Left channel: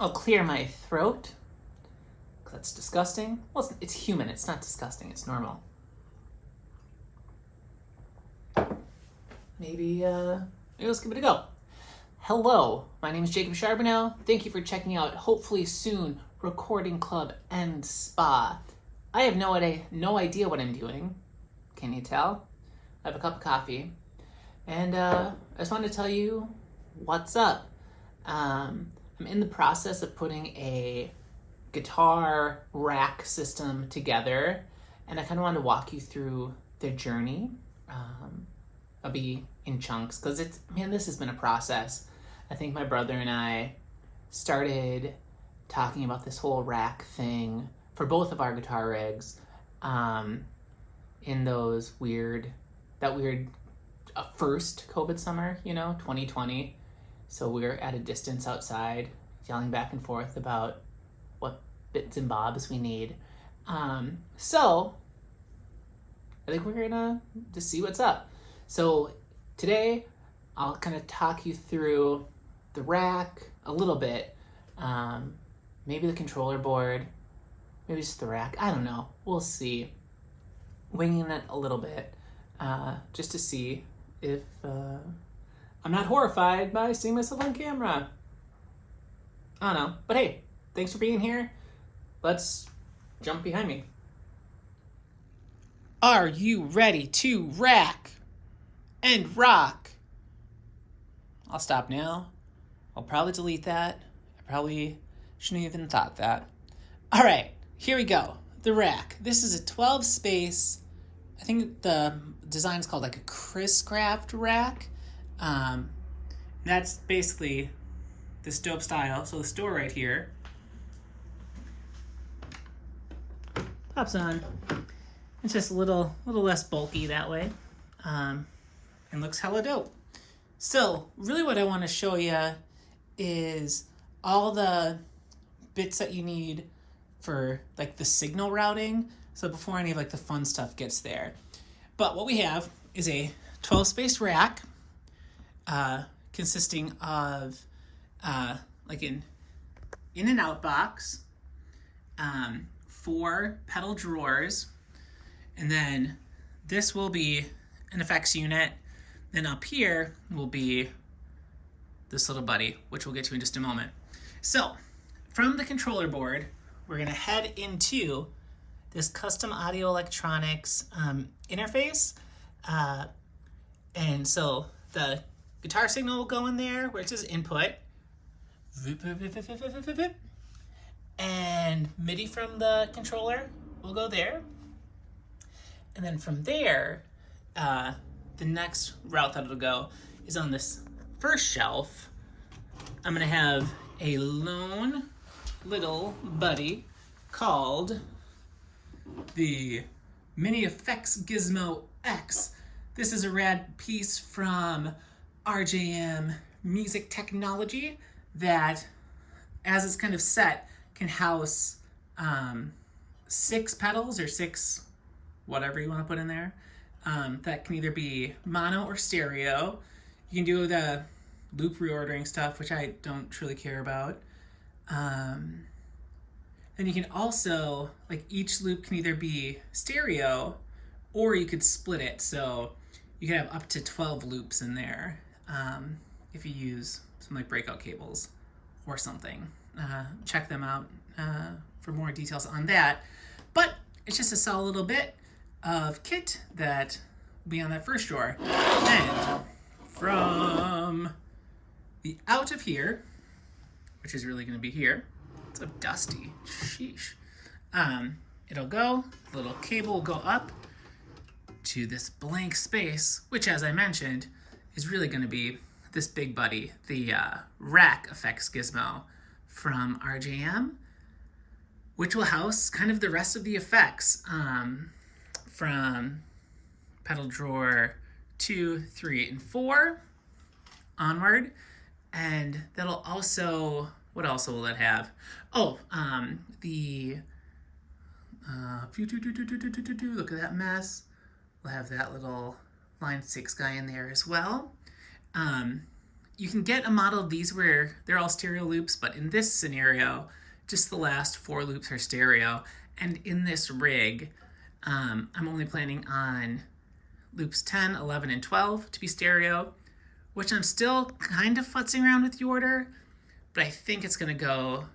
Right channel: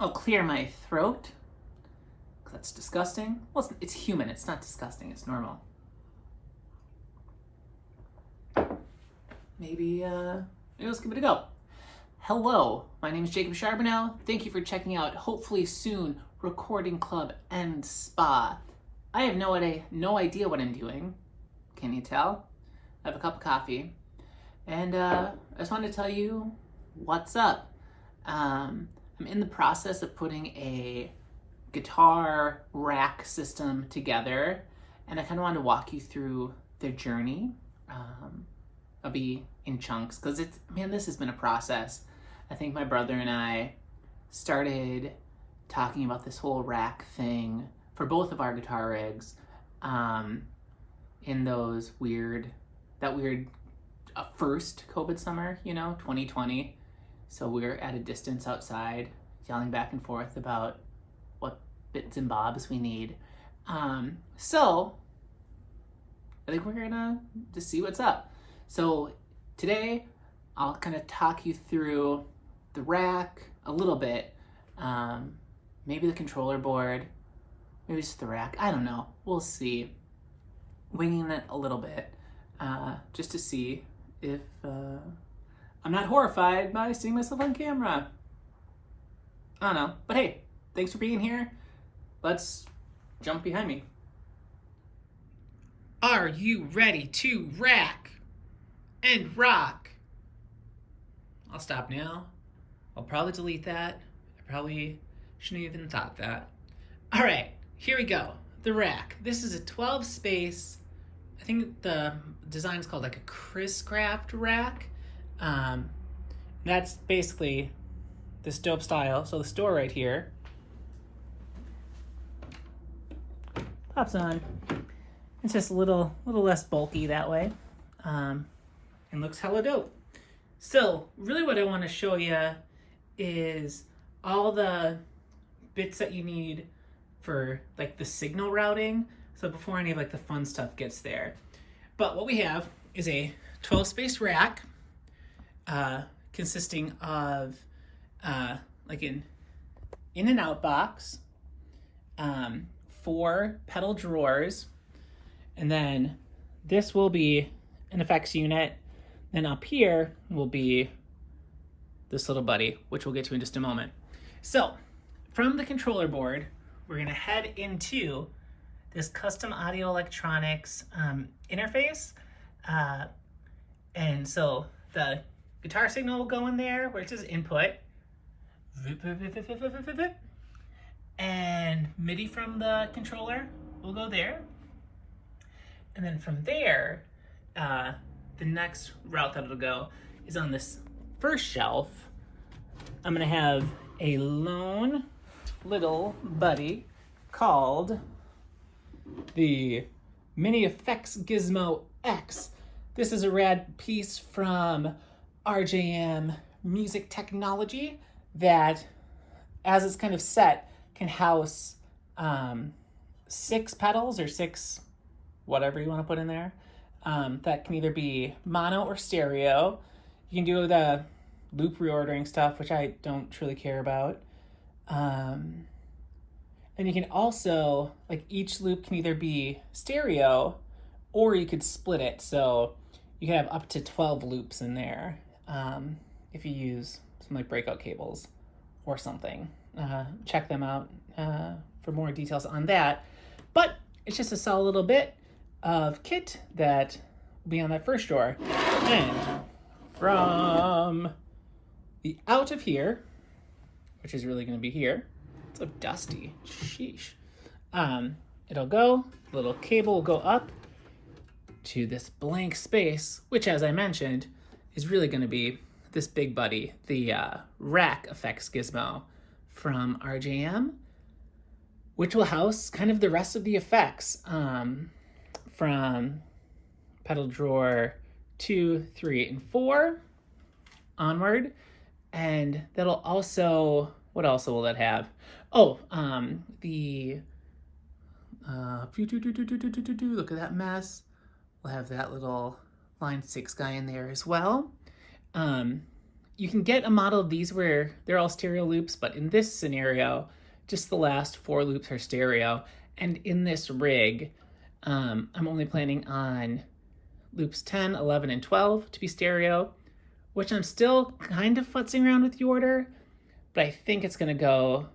I'll clear my throat. That's disgusting. Well, it's human. It's not disgusting. It's normal. Maybe let's give it a go. Hello, my name is Jacob Charbonneau. Thank you for checking out Hopefully Soon Recording Club and Spa. I have no idea what I'm doing. Can you tell? I have a cup of coffee. And I just wanted to tell you what's up. I'm in the process of putting a guitar rack system together, and I kind of wanted to walk you through the journey. I'll be in chunks because this has been a process. I think my brother and I started talking about this whole rack thing for both of our guitar rigs in those that weird first COVID summer, 2020. So we were at a distance outside yelling back and forth about what bits and bobs we need. So I think we're gonna just see what's up. So today I'll kind of talk you through the rack a little bit, maybe the controller board, maybe just the rack. I don't know. We'll see. Winging it a little bit, just to see if I'm not horrified by seeing myself on camera. I don't know. But hey, thanks for being here. Let's jump behind me. Are you ready to rack and rock? I'll stop now. I'll probably delete that. I probably shouldn't have even thought that. All right, here we go. The rack. This is a 12 space. I think the design is called like a Chris Craft rack. That's basically this dope style. So the store right here pops on. It's just a little less bulky that way, and looks hella dope. So really what I want to show you is all the bits that you need for like the signal routing. So before any of like the fun stuff gets there. But what we have is a 12 space rack consisting of like an in and out box, 4 pedal drawers, and then this will be an effects unit. Then up here will be this little buddy, which we'll get to in just a moment. So from the controller board, we're gonna head into this custom audio electronics interface. And so the guitar signal will go in there where it says input. And MIDI from the controller will go there. And then from there, the next route that it'll go is on this first shelf. I'm gonna have a lone little buddy called the Mini Effects Gizmo X. This is a rad piece from RJM Music Technology that, as it's kind of set, can house 6 pedals or 6 whatever you want to put in there. That can either be mono or stereo. You can do the loop reordering stuff, which I don't truly care about. And you can also, like, each loop can either be stereo or you could split it. So you can have up to 12 loops in there if you use some like breakout cables or something. Check them out for more details on that. But it's just a solid little bit of kit that will be on that first drawer. And from the out of here, which is really going to be here, it's so dusty, sheesh. It'll go, the little cable will go up to this blank space, which, as I mentioned, is really going to be this big buddy, the Rack Effects Gizmo from RJM, which will house kind of the rest of the effects from pedal drawer 2, 3, and 4 onward. And that'll also, what else will that have? Oh, the look at that mess. We'll have that little line 6 guy in there as well. you can get a model of these where they're all stereo loops, but in this scenario, just the last 4 loops are stereo. And in this rig, I'm only planning on loops 10, 11, and 12 to be stereo, which I'm still kind of futzing around with the order, but I think it's gonna go,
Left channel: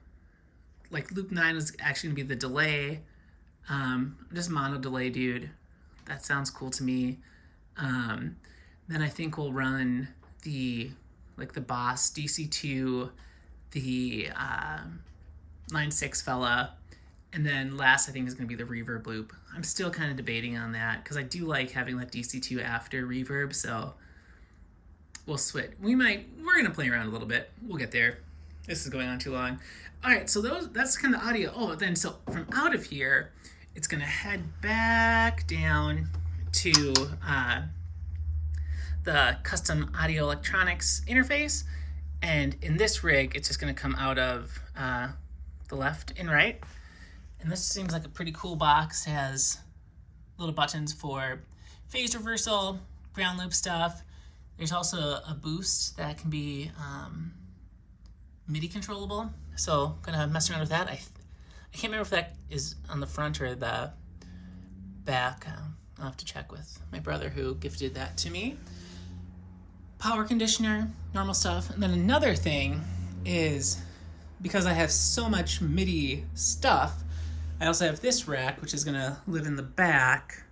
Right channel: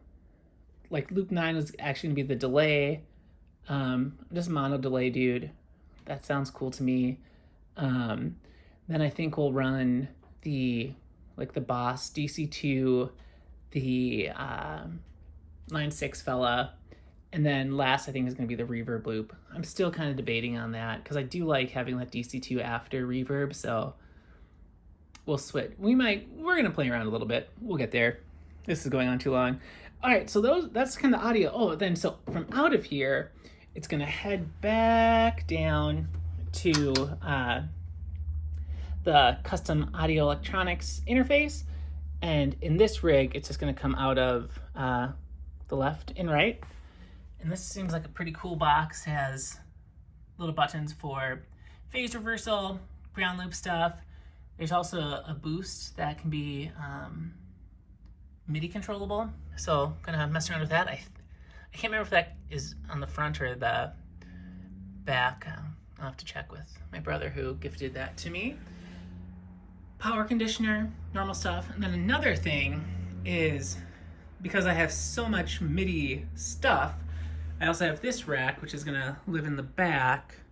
like loop 9 is actually gonna be the delay. Just mono delay, dude. That sounds cool to me. Then I think we'll run the Boss DC2, the 9.6 fella, and then last I think is going to be the reverb loop. I'm still kind of debating on that because I do like having that DC2 after reverb, so we'll switch. We're going to play around a little bit. We'll get there. This is going on too long. All right, so that's kind of audio. Oh, then so from out of here, it's going to head back down to the custom audio electronics interface. And in this rig, it's just going to come out of the left and right. And this seems like a pretty cool box. It has little buttons for phase reversal, ground loop stuff. There's also a boost that can be MIDI controllable. So I'm gonna mess around with that. I can't remember if that is on the front or the back. I'll have to check with my brother who gifted that to me. Power conditioner, normal stuff. And then another thing is, because I have so much MIDI stuff, I also have this rack, which is gonna live in the back,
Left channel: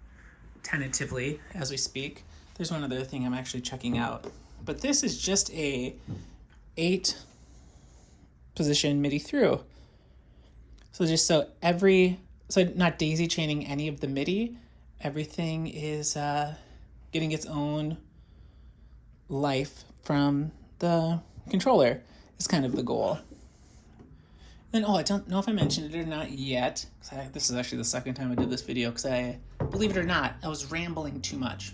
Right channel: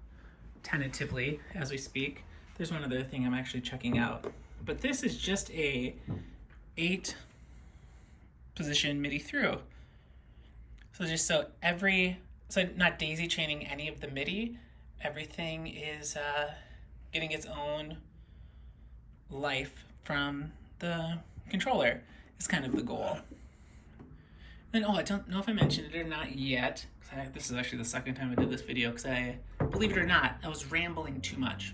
tentatively, as we speak. There's one other thing I'm actually checking out. But this is just a 8-position MIDI through. So just so not daisy chaining any of the MIDI, everything is getting its own life from the controller is kind of the goal. And I don't know if I mentioned it or not yet. This is actually the second time I did this video because believe it or not, I was rambling too much.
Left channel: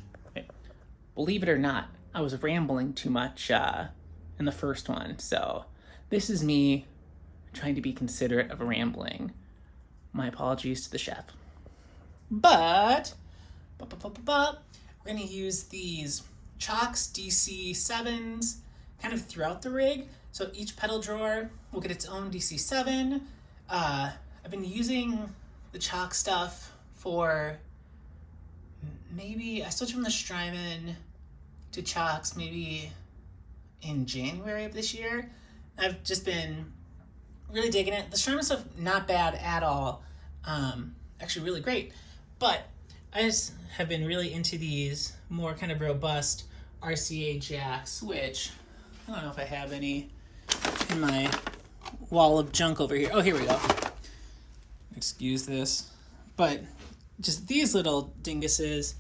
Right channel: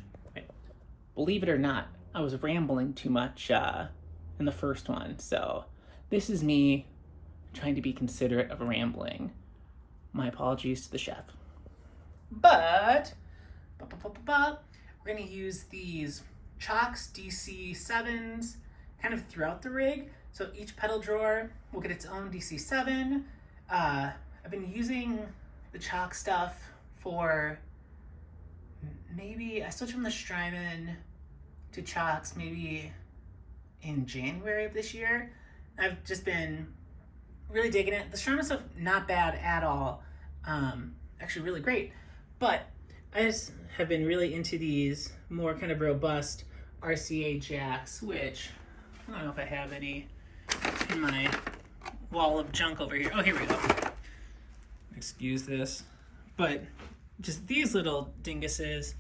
Believe it or not, I was rambling too much in the first one. So this is me trying to be considerate of rambling. My apologies to the chef. But we're gonna use these Chox DC7s kind of throughout the rig. So each pedal drawer will get its own DC7. I've been using the Chox stuff for maybe, I switched from the Strymon to Chox maybe in January of this year. I've just been really digging it. The Strymon stuff, not bad at all. Actually really great. But I just have been really into these more kind of robust RCA jacks, which I don't know if I have any in my wall of junk over here. Oh, here we go. Excuse this. But just these little dinguses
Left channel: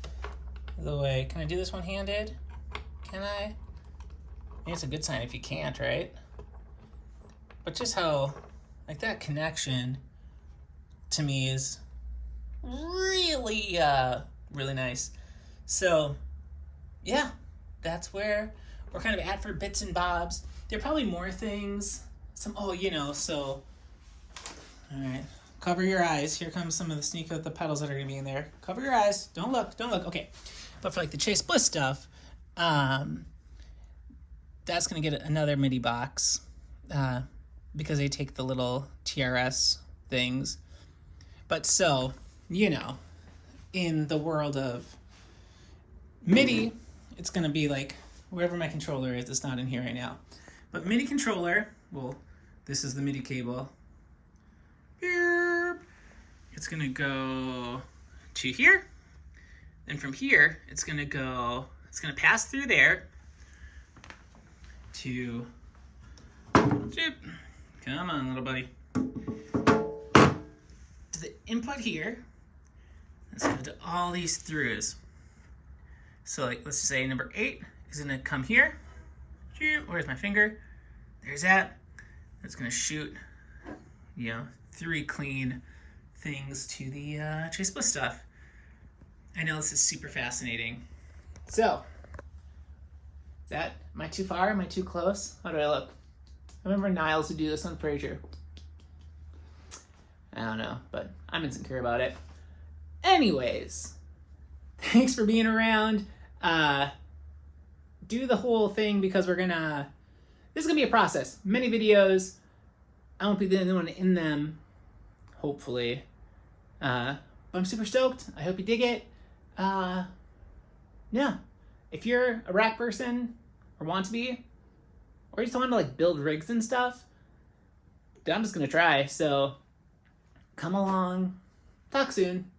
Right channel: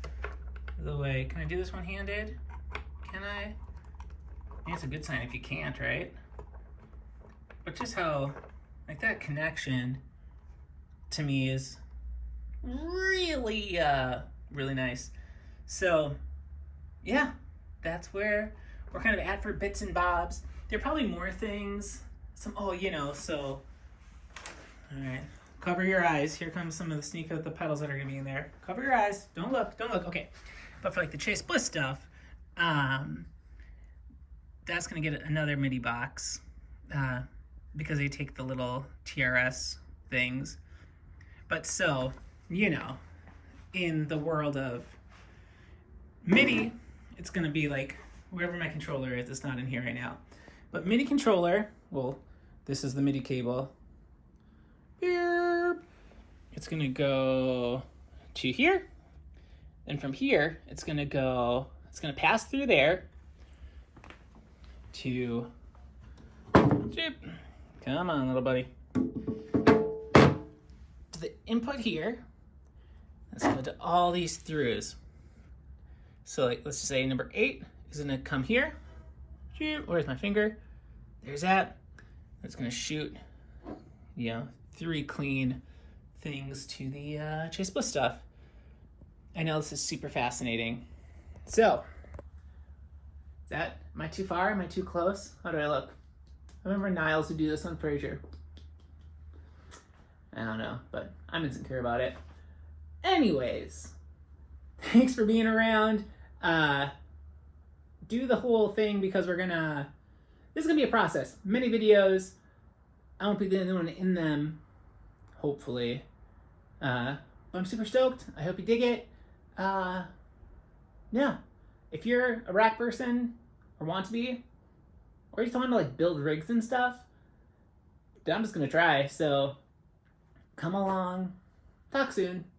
the way. Can I do this one-handed? Can I? I think it's a good sign if you can't, right? But just how, like, that connection to me is really, really nice. So, yeah, that's where we're kind of at for bits and bobs. There are probably more things. All right, cover your eyes. Here comes some of the sneak out the pedals that are gonna be in there. Cover your eyes, don't look. Okay. But for like the Chase Bliss stuff, that's gonna get another MIDI box because they take the little TRS things. But so, in the world of MIDI, it's gonna be like wherever my controller is. It's not in here right now. But MIDI controller, well, this is the MIDI cable. It's gonna go to here. And from here, it's gonna pass through there to, come on, little buddy. To the input here. Let's go to all these throughs. So like, let's just say number 8 is gonna come here. Where's my finger? There's that. It's gonna shoot, 3 clean things to the Chase Bliss stuff. I know this is super fascinating. So, am I too far? Am I too close? How do I look? I remember Niles would do this on Frasier. I don't know, but I'm insecure about it. Anyways, thanks for being around. Do the whole thing because we're gonna this is gonna be a process. Many videos. I won't be the only one in them, hopefully. But I'm super stoked. I hope you dig it. Yeah. If you're a rack person or want to be, or you just want to like build rigs and stuff, I'm just gonna try. So come along. Talk soon.